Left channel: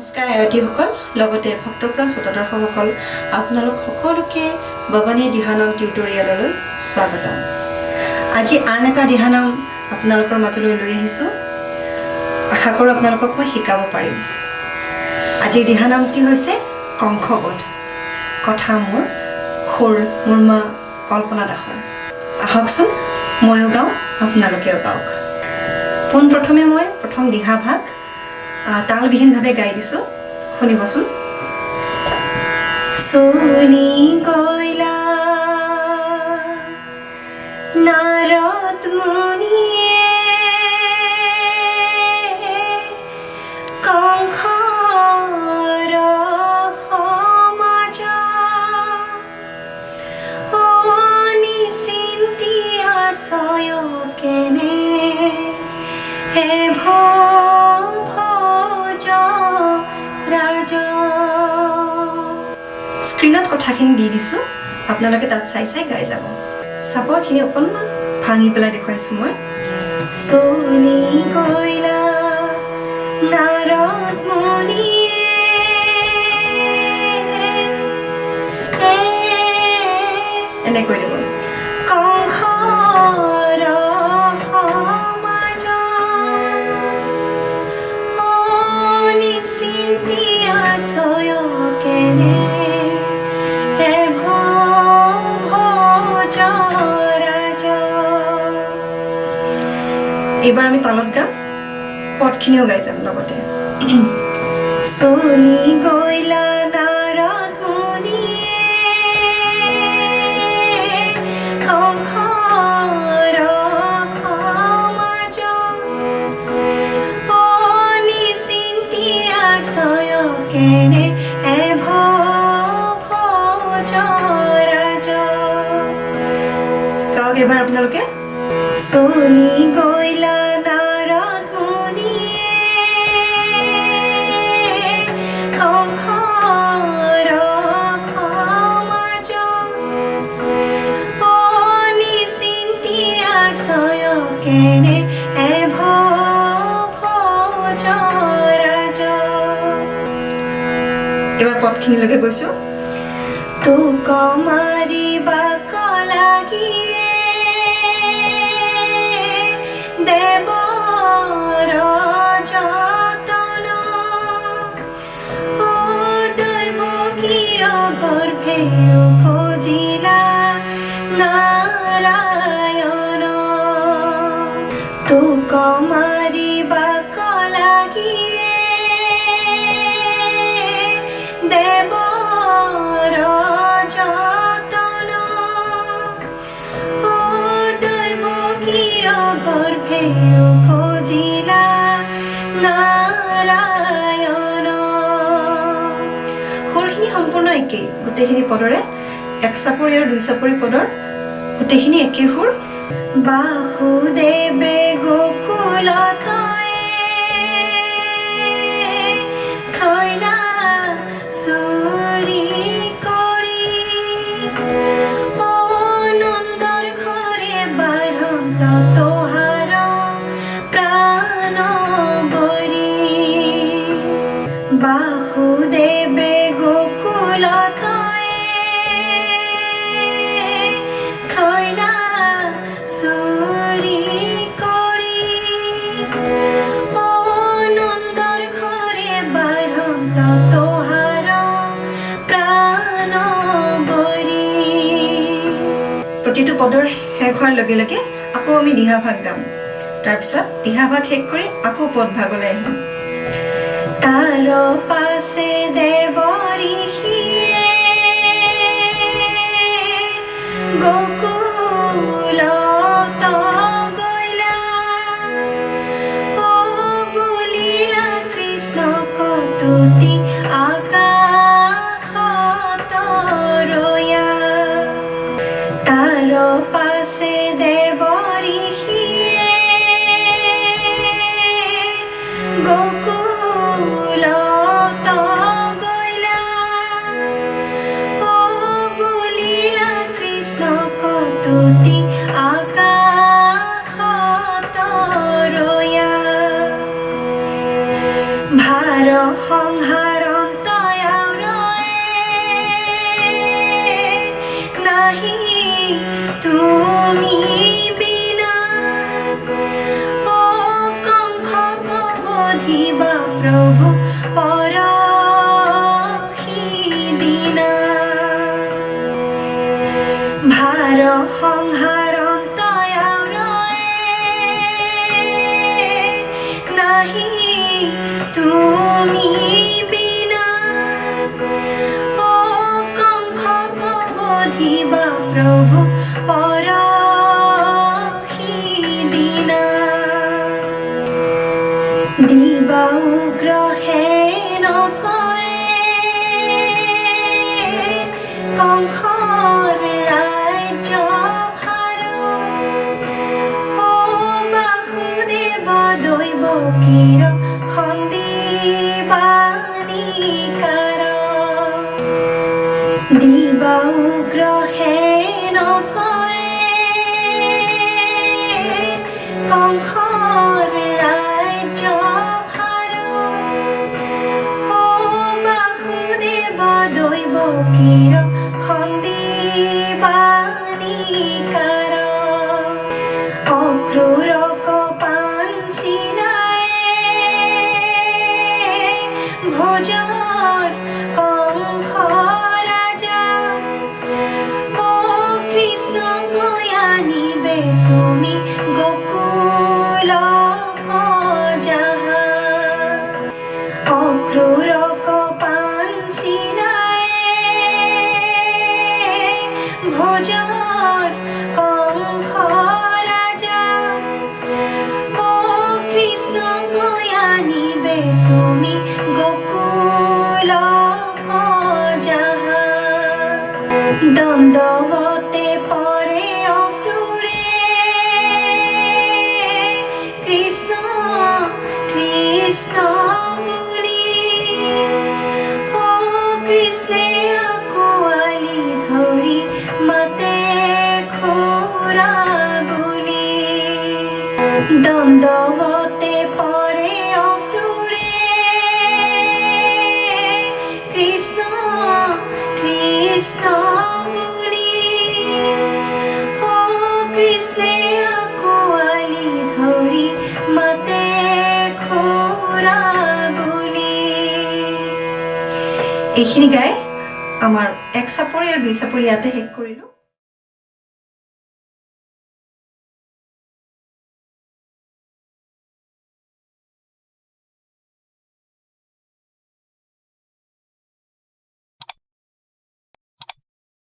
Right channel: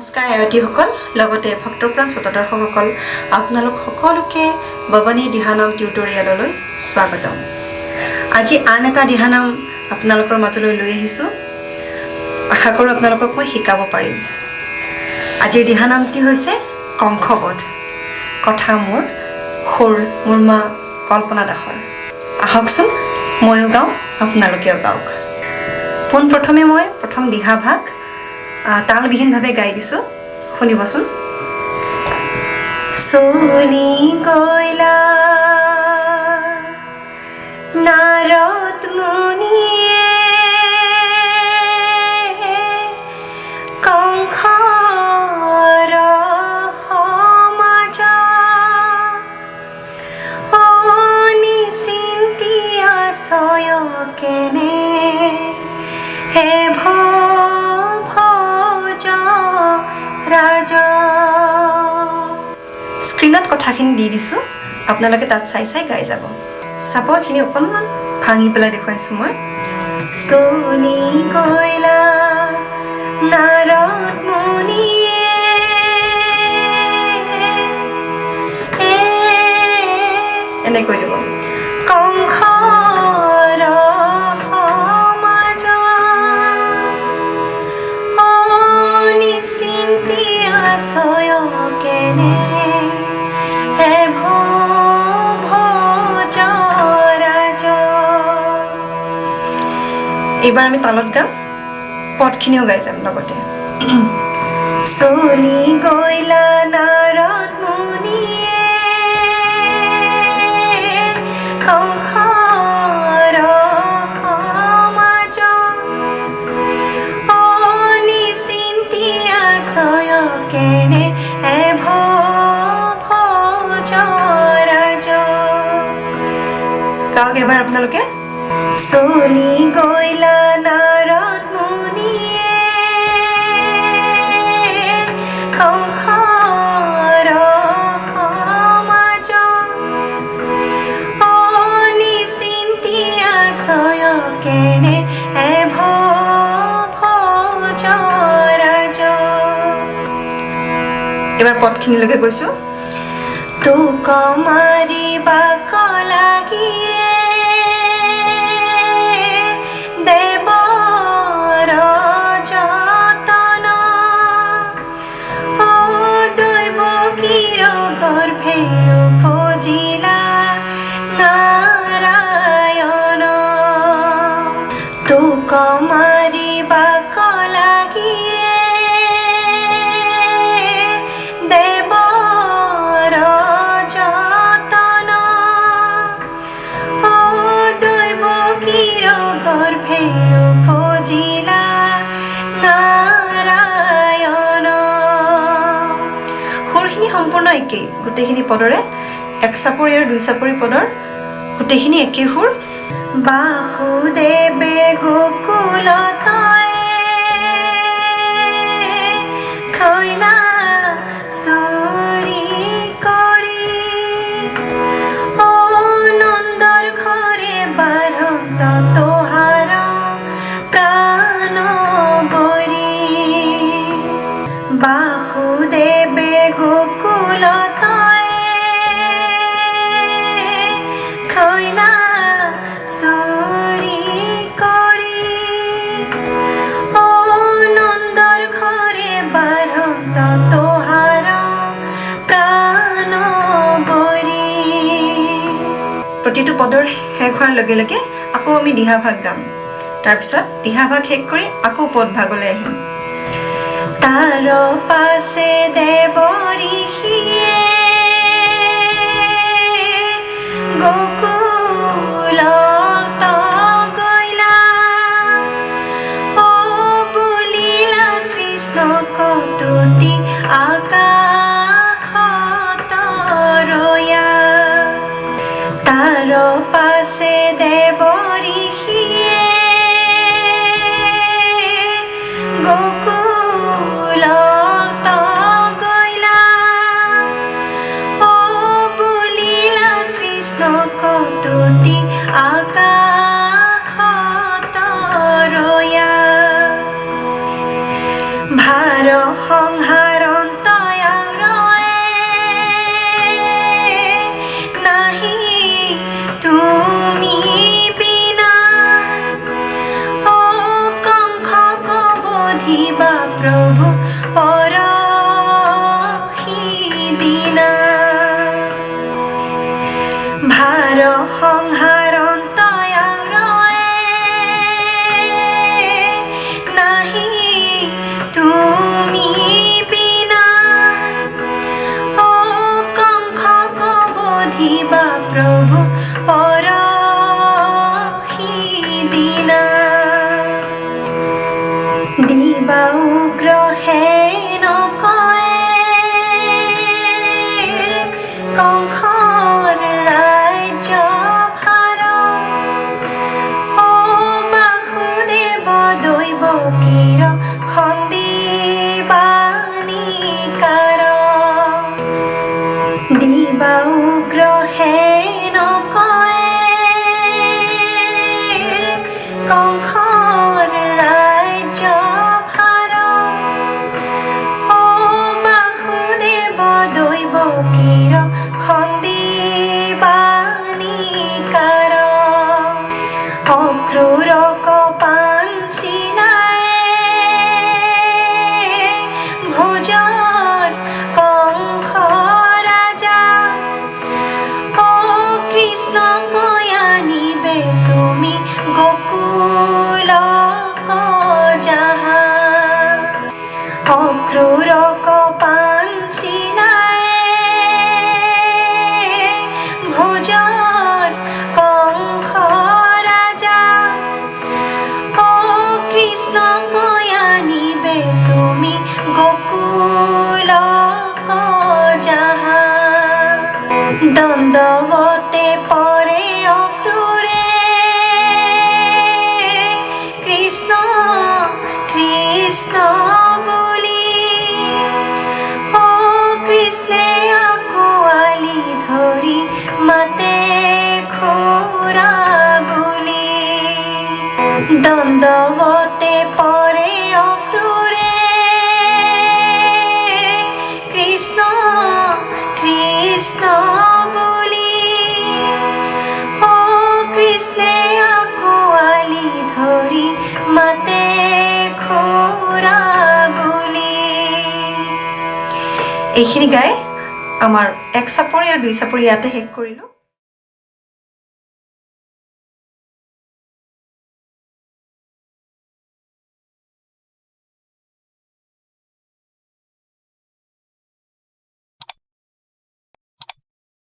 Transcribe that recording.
নমস্কাৰ আয়তীসকল, লগতে ভক্তপ্ৰাণ শ্ৰোতাদৰ্শকসকল, আপোনালোক সকলোকে ভৱানী দিহানাম টিউটৰিয়েললৈ স্বাগতম। আজি আন এটা দিহানাম আপোনালোকৰ মাজলৈ লৈ আহিছোঁ। আশা কৰোঁ আপোনালোকক মই শিকাব পাৰিম। আজিৰ দিহানামটি হৈছে কংসবধ। কথা মোৰ মা কল্পনা দাসৰ। আহকচোন, ময়ো গাওঁ, আপোনালোকেও গাওক। পোনপ্ৰথমে মই প্ৰথম দিহা ভাগ তালবিহীনভাৱে গাই দিছোঁ, শুনিবচোন। চলি গলা নাৰদ মুনিয়ে কংসৰ সমাজ নিচিন্তি আছয় কেনে হে স্ক্ৰীণত কথাখিনি দি দিছোঁ, আপোনালোকে তাত চাই চাই গাই যাব। চাব, এইখিনি অকণমান ভাঙি পেলাই দেখুৱাইছোঁ মই। চলি গলা নাৰদ মুনিয়ে এনেকৈ দিব। কংসৰ সমাজ নিচিন্তি আছয় কেনে এইবাৰ আমি তালত গাম, পদখিনিও গাই যাম লগতে। চলি গলা নাৰদ মুনিয়ে কংসৰ সমাজ নিচিন্তি আছয় কেনে গাওক এইবাৰ আপোনালোকে। চলি গলা নাৰদ মুনিয়ে কংসৰ সমাজ নিচিন্তি আছয় কেনে এইবাৰ পদখিনিলৈকে গৈছোঁ। তোক মাৰিবা লাগি দেৱৰ যতন দৈৱ কিৰ গৰ্ভে উপজিলা নাৰায়ণ। তোক মাৰিবা লাগি দেৱৰ যতন দৈৱ কিৰ গৰ্ভে উপজিলা নাৰায়ণ। সুৰখিনি সম্পূৰ্ণ একেই, গোটেইখিনি পদৰে এক চাপৰি আৰু দুই চাপৰি পদৰ গোটেইখিনি একেই সুৰ। বাসুদেৱে গোকুলত খৈনা চুৰি কৰি নন্দৰ ঘৰে বাৰন্ত তোহাৰ প্ৰাণ বৰি। বাসুদেৱে গোকুলত খৈনা চুৰি কৰি নন্দৰ ঘৰে বাৰন্ত তোহাৰ প্ৰাণ বৰি। প্ৰতিটো পদৰ শেষ হোৱাৰ লগে লগে আকৌ আমি দিহা ভাগ গাম। তাৰপিছত দিহা ভাগ শেষ কৰি আকৌ পদ ভাগলৈ আহিম। তাৰ পাছে দেৱ ঋষিয়ে গোকুলত গইলা বুলিলা কৃষ্ণ কতুতি আকাশত ৰয়া। তাৰ পাছে দেৱ ঋষিয়ে গোকুলত দিবা উগ্ৰহে নকয়ে কংসৰ ৰাজ্য ভাৰ অ বাসুদেৱ দৈৱকীৰ খন্দিবানিকাৰ দিবা উগ্ৰহে নকয়ে কংসৰ ৰাজ্য ভাৰ অ বাসুদেৱ দৈৱকীৰ খন্দিবানিকাৰ অক্ৰূৰ কপাঞ্চিনায়ে ভোজৰ কংস ৰাজা অ কৃষ্ণ গয়ানিবে তুমি গোকুল যাহা অক্ৰূৰ কপাঞ্চিনায়ে ভোজৰ কংস ৰাজা অ কৃষ্ণ গয়ানিবে তুমি গোকুল যাহা দণ্ডৱতে পৰে অক্ৰূৰে কৃষ্ণ কৃষ্ণ বুলি অ কৃষ্ণে আঁকোৱালি ধৰি মাতে খুৰা বুলি দণ্ডৱতে পৰে অক্ৰূৰে কৃষ্ণ কৃষ্ণ বুলি অ কৃষ্ণে আঁকোৱালি ধৰি মাতে খুৰা বুলি এইখিনি গাই আমাৰ এক চাপৰি আৰু দুই চাপৰি ইয়াতে শেষ কৰিলোঁ।